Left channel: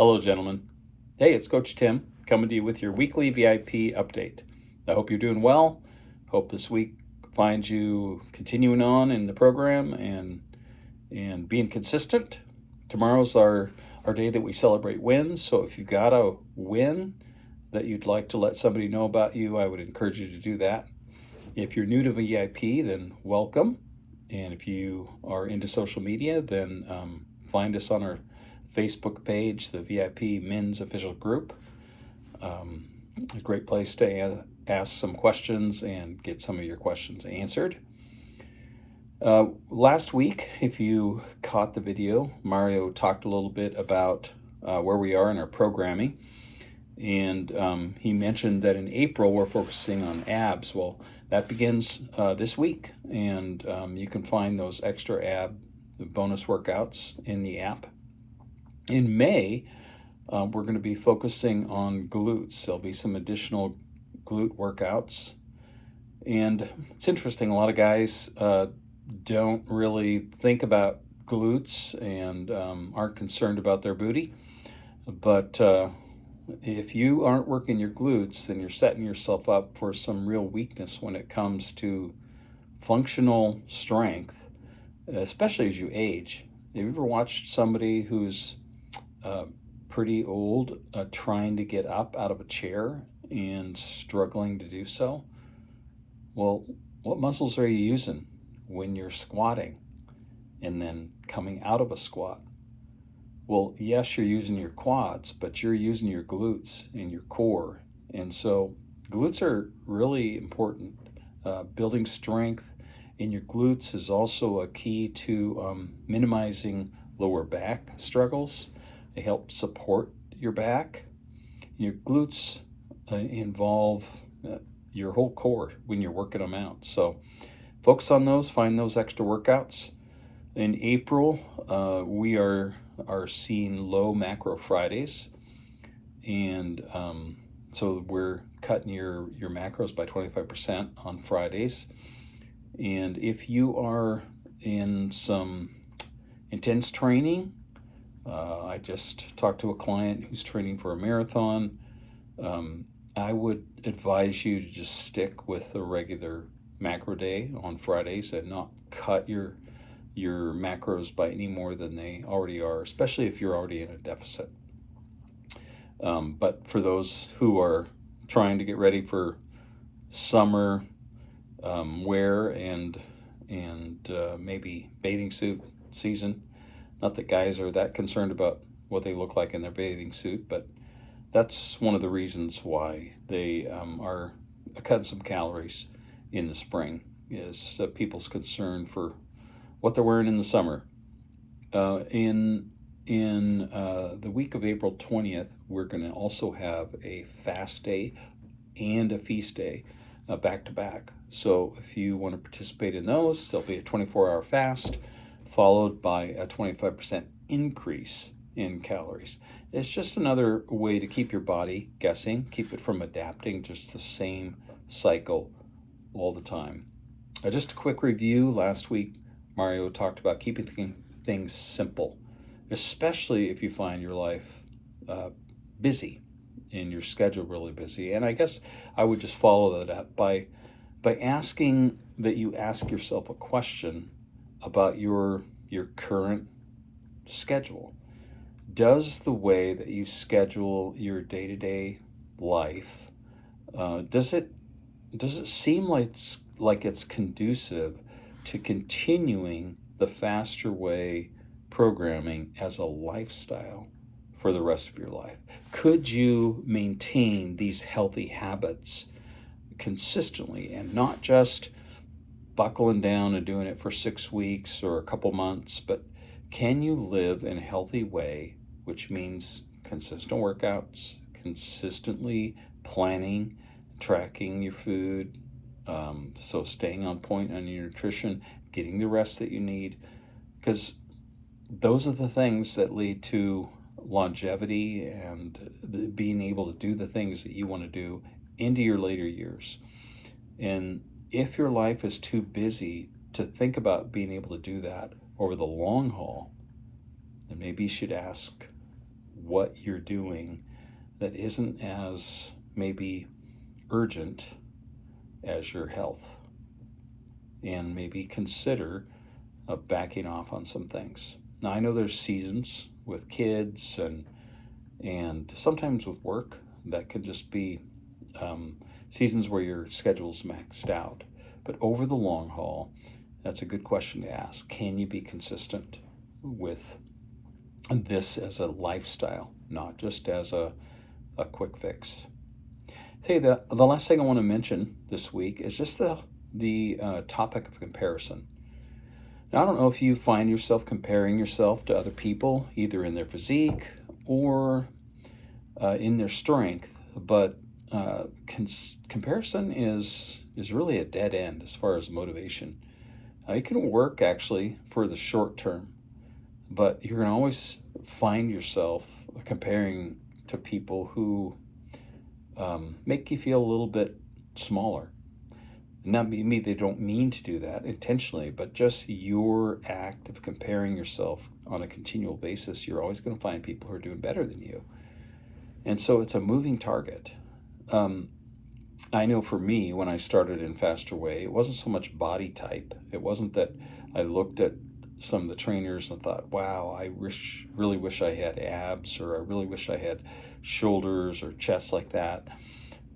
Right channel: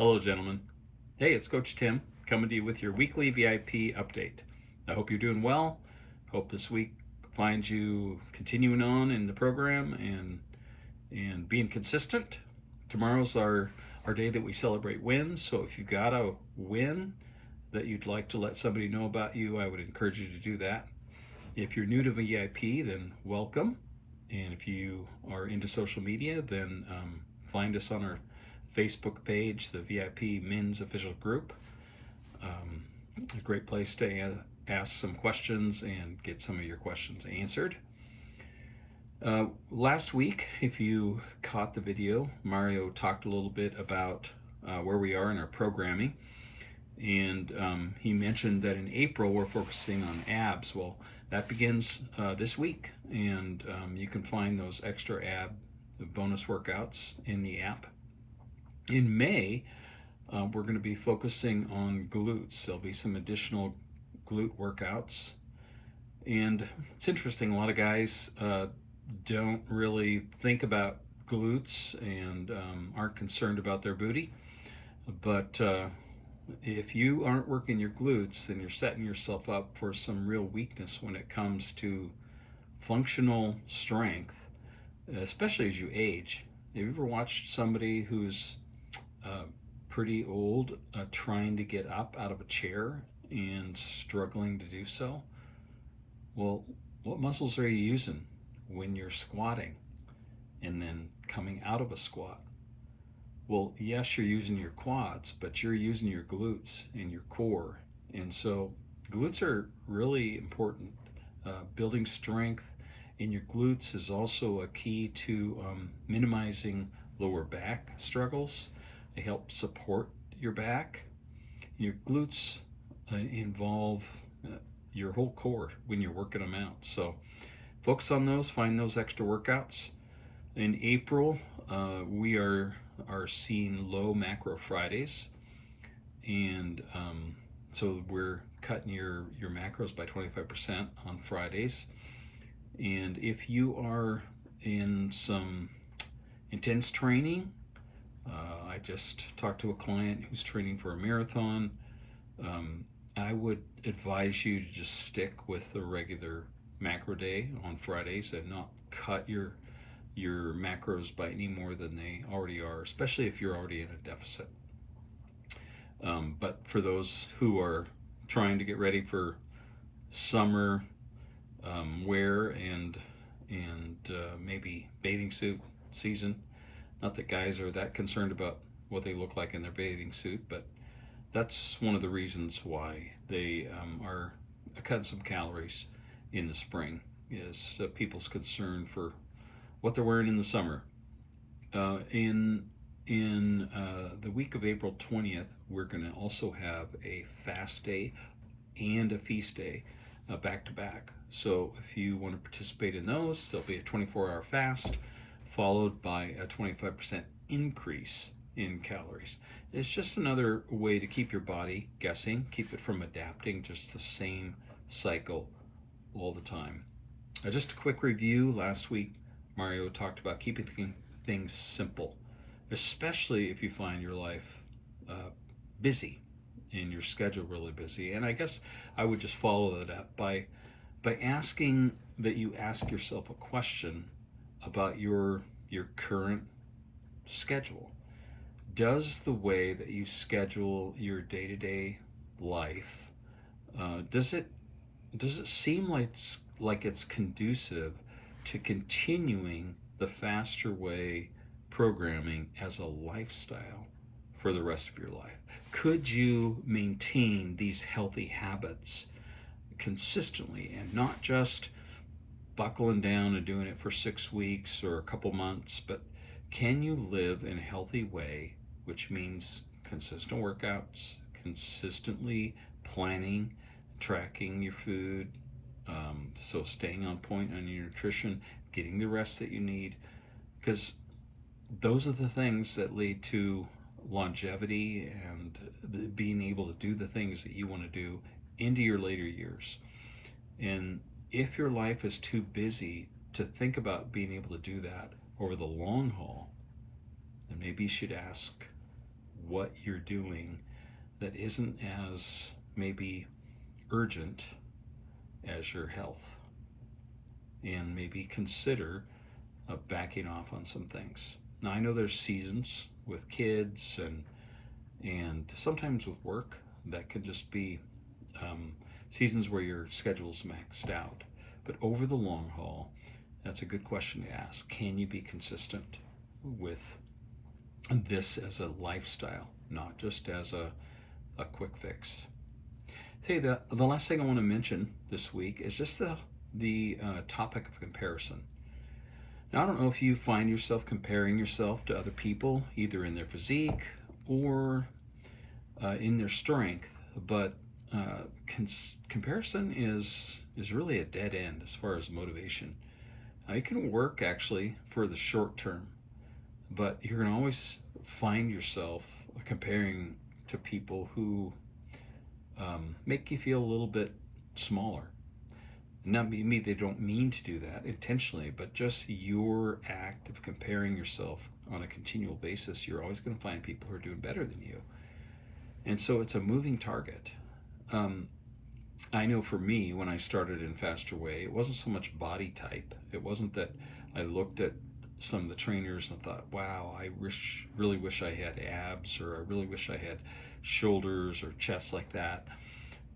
Hello, gentlemen. Hey, it's Coach Tim coming to you with your weekly VIP update. I hope you're doing well. Hope this week finds you continuing on in the program and being consistent. Tomorrow's our day that we celebrate wins. So if you got a win that you'd like to let somebody know about you, I would encourage you to do that. If you're new to VIP, then welcome. And if you are into social media, then find us on our Facebook page, the VIP Men's Official Group. A great place to ask some questions and get some of your questions answered. Last week, if you caught the video, Mario talked a little bit about where we are in our programming. And he mentioned that in April, we're focusing on abs. Well, that begins this week. And you can find those extra ab bonus workouts in the app. In May, we're going to be focusing on glutes. There'll be some additional glute workouts. And it's interesting, a lot of guys don't really think about glutes and aren't concerned about their booty. But if you aren't working your glutes, then you're setting yourself up for some real weakness when it comes to functional strength, especially as you age. Have you ever watched somebody who's pretty old trying to get up out of a chair and struggling to do so? Well, what muscles are you using when you're squatting and then coming out of a squat? Well, yes, you're using your quads, but you're using your glutes and your core. And so glutes are really important. Building strength in your glutes is also a key to minimizing lower back struggles. They help support your back. Your glutes involve your whole core when you're working them out. So focus on those, find those extra workouts. In April, we are seeing low macro Fridays. And so we're cutting your macros by 25% on Fridays. And if you are in some intense training, I just talked to a client who's training for a marathon. I would advise you to just stick with a regular macro day on Fridays and not cut your macros by any more than they already are, especially if you're already in a deficit. But for those who are trying to get ready for summer wear and maybe bathing suit season, not that guys are that concerned about what they look like in their bathing suit, but that's one of the reasons why they are cutting some calories in the spring, is people's concern for what they're wearing in the summer. In the week of April 20th, we're going to also have a fast day and a feast day back to back. So if you want to participate in those, there'll be a 24-hour fast followed by a 25% increase in calories. It's just another way to keep your body guessing, keep it from adapting just the same cycle all the time. Just a quick review. Last week, Mario talked about keeping things simple, especially if you find your life busy and your schedule really busy. And I guess I would just follow that up by asking that you ask yourself a question about your current schedule. Does the way that you schedule your day-to-day life, does it seem like it's conducive to continuing the faster way programming as a lifestyle for the rest of your life? Could you maintain these healthy habits consistently and not just buckling down and doing it for 6 weeks or a couple months, but can you live in a healthy way, which means consistent workouts, consistently planning, tracking your food, so staying on point on your nutrition, getting the rest that you need, because those are the things that lead to longevity and being able to do the things that you want to do into your later years. And if your life is too busy to think about being able to do that over the long haul, then maybe you should ask, what you're doing that isn't as maybe urgent as your health, and maybe consider backing off on some things. Now, I know there's seasons with kids and sometimes with work that can just be seasons where your schedule's maxed out. But over the long haul, that's a good question to ask. Can you be consistent with this as a lifestyle, not just as a quick fix? Hey, the last thing I want to mention this week is just the topic of comparison. Now, I don't know if you find yourself comparing yourself to other people, either in their physique or in their strength, but comparison is really a dead end as far as motivation. It can work actually for the short term, but you're going to always find yourself comparing to people who make you feel a little bit smaller. Not maybe they don't mean to do that intentionally, but just your act of comparing yourself on a continual basis, you're always going to find people who are doing better than you. And so it's a moving target. I know for me, when I started in Faster Way, it wasn't so much body type. It wasn't that I looked at some of the trainers and thought, wow, I really wish I had abs, or I really wish I had shoulders or chest like that.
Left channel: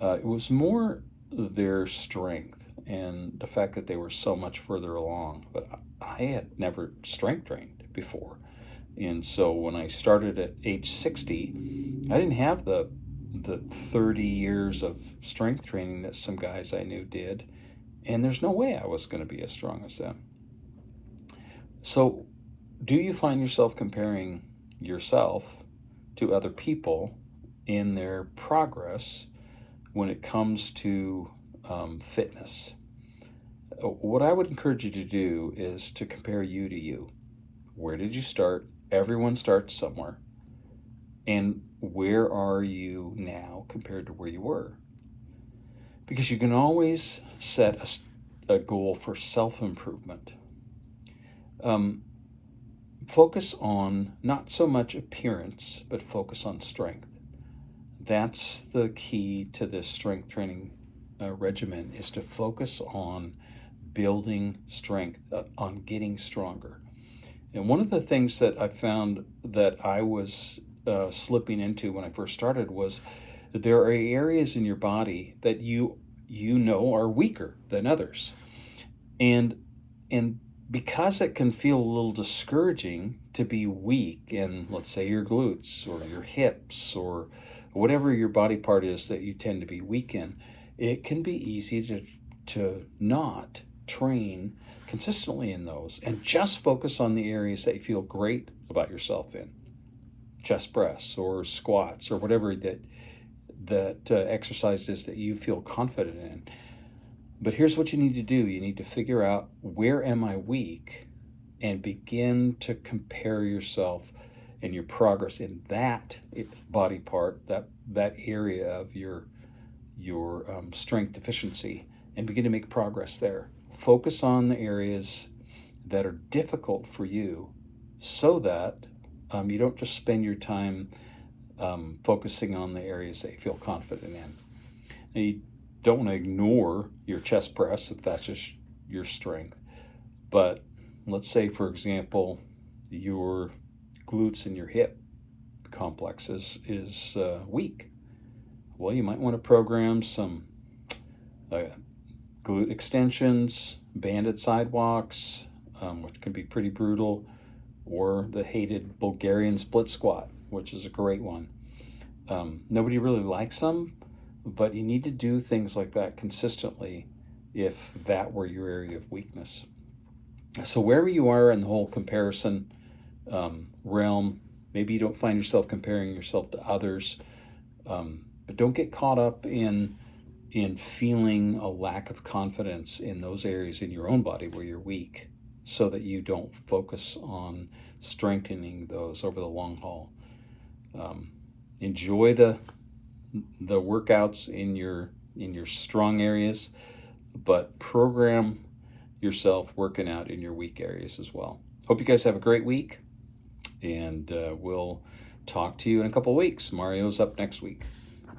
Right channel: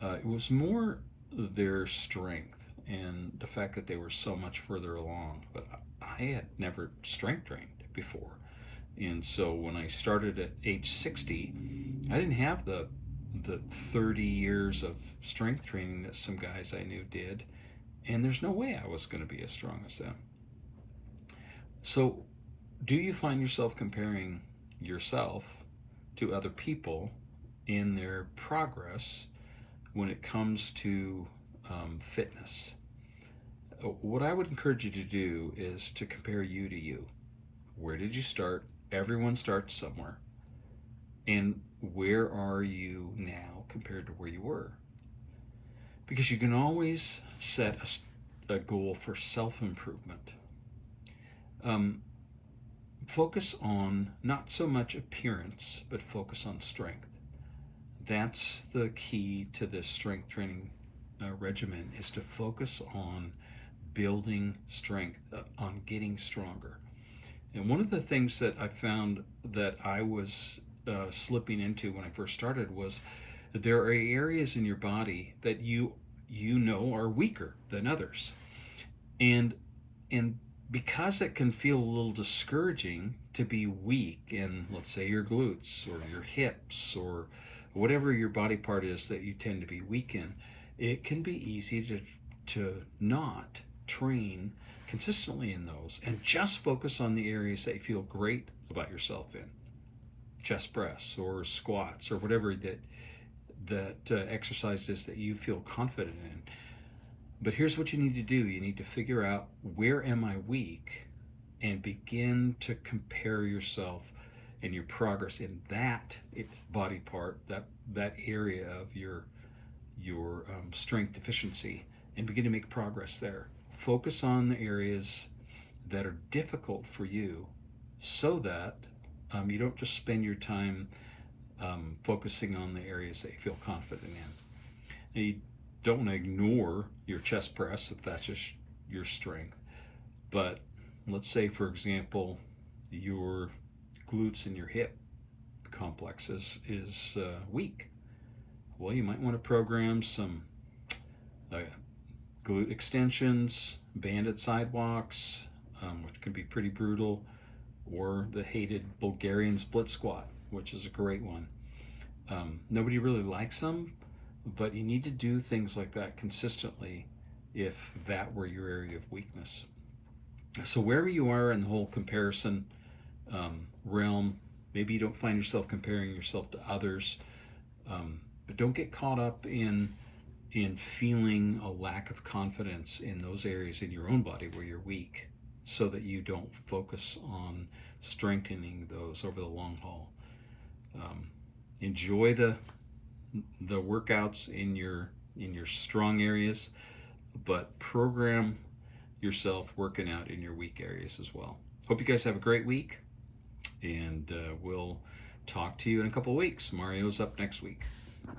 It was more their strength and the fact that they were so much further along. But I had never strength trained before. And so when I started at age 60, I didn't have the 30 years of strength training that some guys I knew did. And there's no way I was going to be as strong as them. So do you find yourself comparing yourself to other people in their progress when it comes to fitness? What I would encourage you to do is to compare you to you. Where did you start? Everyone starts somewhere. And where are you now compared to where you were? Because you can always set a goal for self-improvement. Focus on not so much appearance, but focus on strength. That's the key to this strength training regimen, is to focus on building strength, on getting stronger. And one of the things that I found that I was slipping into when I first started was that there are areas in your body that you know are weaker than others. And because it can feel a little discouraging to be weak in, let's say, your glutes or your hips or whatever your body part is that you tend to be weak in, it can be easy to not train consistently in those and just focus on the areas that you feel great about yourself in. Chest press or squats or whatever that exercise is that you feel confident in. But here's what you need to do. You need to figure out, where am I weak, and begin to compare yourself and your progress in that body part, that area of your strength deficiency, and begin to make progress there. Focus on the areas that are difficult for you, so that you don't just spend your time focusing on the areas that you feel confident in. And you don't want to ignore your chest press if that's just your strength. But let's say, for example, your glutes and your hip complex is weak. Well, you might want to program some glute extensions, banded sidewalks, which can be pretty brutal, or the hated Bulgarian split squat, which is a great one. Nobody really likes them, but you need to do things like that consistently if that were your area of weakness. So wherever you are in the whole comparison realm, maybe you don't find yourself comparing yourself to others, but don't get caught up in feeling a lack of confidence in those areas in your own body where you're weak, so that you don't focus on strengthening those over the long haul. Enjoy the workouts in your strong areas, but program yourself working out in your weak areas as well. Hope you guys have a great week, and we'll talk to you in a couple weeks. Mario's up next week.